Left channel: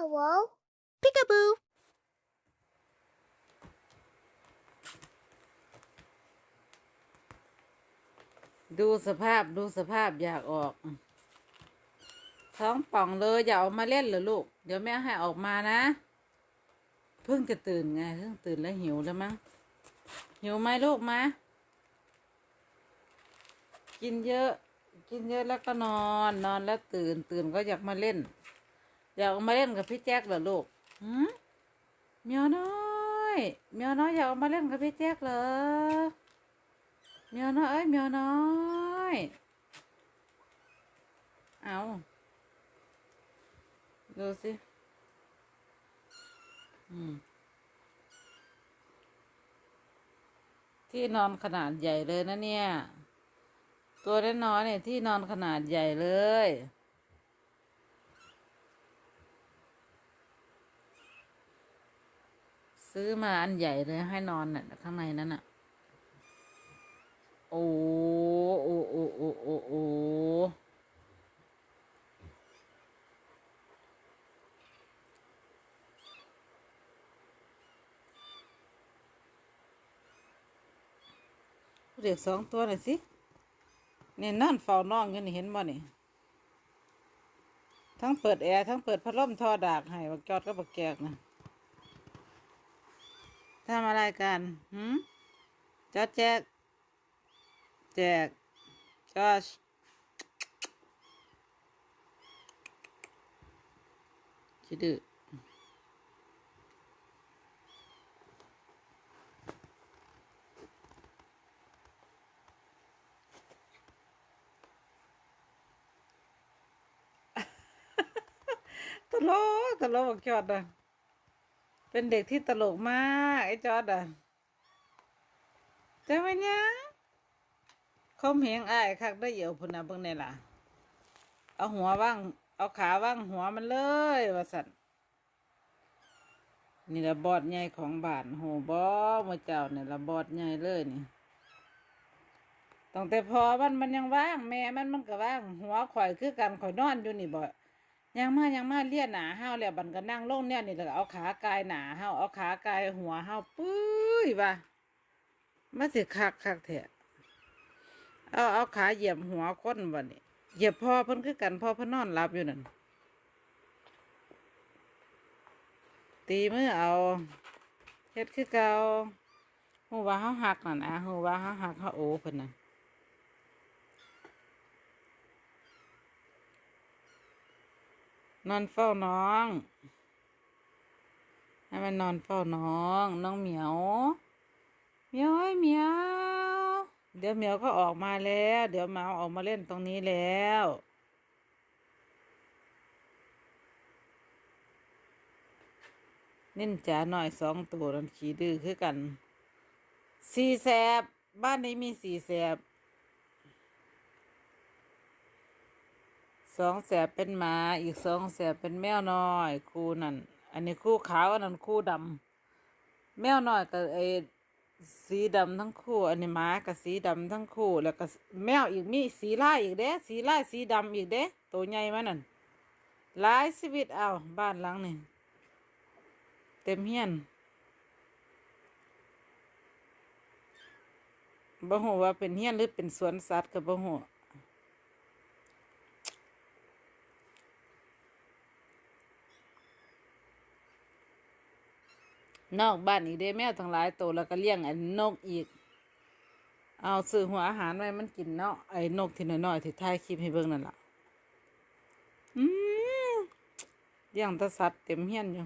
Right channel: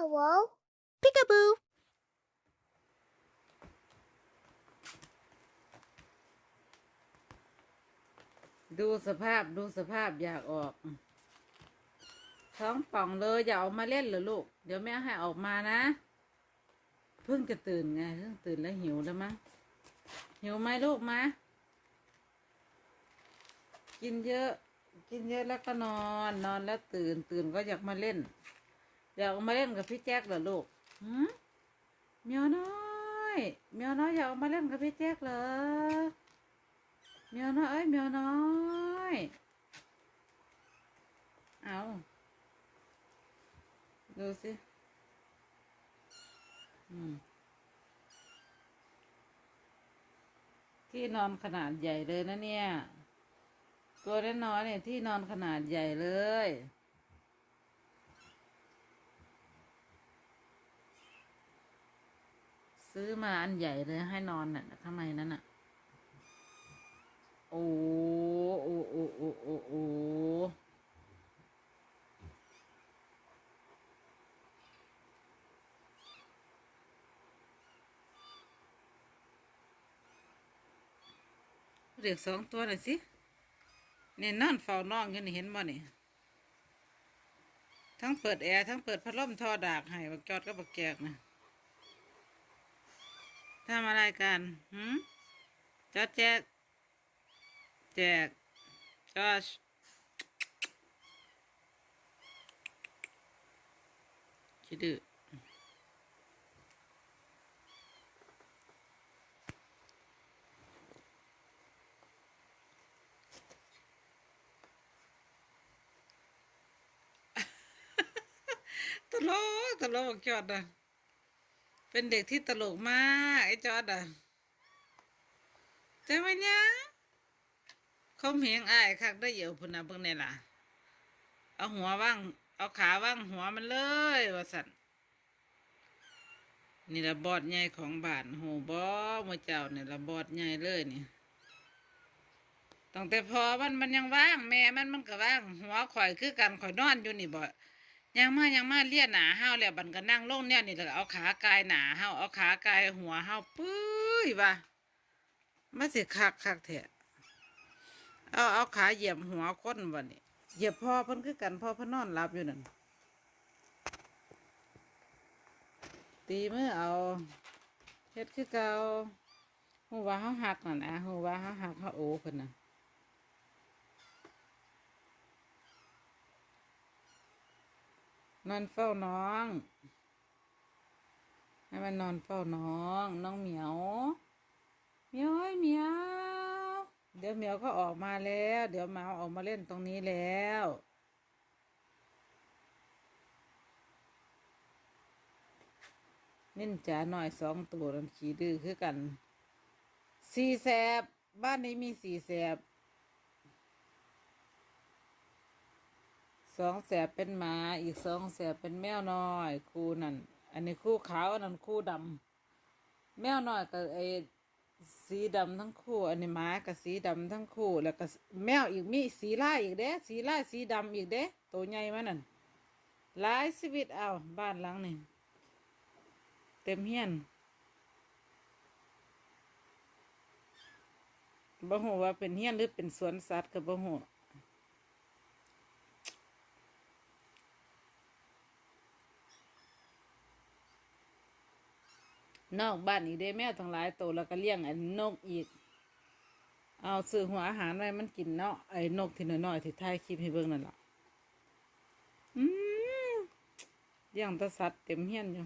Hello? Peekaboo. ดูสภาพดูสภาพอยากออก ท้องป่องเลยอย่าออกมาเล่นเหรอลูก เดี๋ยวแม่ให้ออกมานะ เพิ่งจะตื่นไงเพิ่งตื่นแล้วหิวแล้วมั้งหิวไหมลูกมะกินเยอะ กินเยอะแล้วก็นอน นอนแล้วตื่น ตื่นก็อยากมาเล่น อยากมาเล่นกับพี่แจ็คเหรอลูกหืมเมียวน้อยเมียวน้อยอยากมาเล่นกับพี่แจ็คเหรอเมียวน้อยเอ้ยเมียวน้อยเอาดูสิอืมที่นอนขนาดใหญ่เลยนะเนี่ย ตัวน้อยๆเนี่ยที่นอนขนาดใหญ่เลย ซื้อมาอันใหญ่เลยให้นอนน่ะข้างในนั้นน่ะ โอ้โอ้โอ้โอ้โอ้โอ้เรียกสองตัวหน่อยสิเนี่ยนอนเฝ้าน้องกันนี่เห็นบ่นี่ยทั้งเปิดแอร์ทั้งเปิดพัดลมทอดากให้บักจอดก็บักแกกนะ ทำอะไรกันหืมจอแจก แจก จอชคิดดื้อตลกตลกจอดอะ เป็นเด็กที่ตลกมากไอ้จอดอะแต่วันยังคมเหงอายคักได้เหี่ยวพุ่นนะเบิ่งนี่ล่ะ เอาหัวว่าง เอาขาว่างหัวมันเลยว่าสั่นนี่ละบอดใหญ่ของบ้านโหบ่มื่อเจ้านี่ละบอดใหญ่เลยนี่ตั้งแต่พอมันมันยังว่าง แม่มันมันก็ว่าง หัวข่อยคือกันข่อยนอนอยู่นี่บ่ ยังมายังมาเลียหนาห้าวแล้วบันก็นั่งลงเนี่ยนี่แล้วก็เอาขากายหนาห้าวเอาขากายหัวห้าวปุ้ยว่ามาสิคักคักแท้เอาเอาขาเหยียบหัวคนวันนี้เหยียบพ่อเพิ่นคือกันพ่อเพิ่นนอนหลับอยู่นั่นตีมือเอาเฮ็ดคือเก่าหูว่าเฮาหักนั่นนะหูว่าเฮาหักเฮาโอเพิ่นน่ะ นอนเฝ้าน้อง ให้มันนอนเฝ้าน้อง น้องเหมียวเหมียวเอ้เหมียว เดี๋ยวเหมียวก็ออกมาแล้ว เดี๋ยวหมาออกมาเล่นตรงนี้แล้วนิ่นจ๋าหน่อยสองตัวนันขี้ดื้อคือกัน สี่แสบ บ้านนี้มีสี่แสบ สองแสบเป็นหมาอีกสองแสบเป็นแมวน้อยคู่นั่นอันนี้คู่ขาวอันนั้นคู่ดำแมวน้อยกับไอสีดำทั้งคู่ อันนี้หมากับสีดำทั้งคู่ แล้วก็แมวอีกมีสีลายอีกเด้สีลายสีดำอีกเด้ตัวใหญ่มานั่นหลายชีวิตเอาบ้านหลังนี่เต็มเฮียนบ่ฮู้ว่าเป็นเฮียนหรือเป็นสวนสัตว์ก็บ่ฮู้ นอกบ้านอีกเด้แมวทั้งหลายโตแล้วก็เลี้ยงไอ้นกอีก เอาซื้อหัวอาหารไว้มันกินเนาะไอ้นกที่น้อยๆที่ถ่ายคลิปให้เบิ่งนั่นล่ะอืมเลี้ยงแตะสัตว์เต็มเฮียนอยู่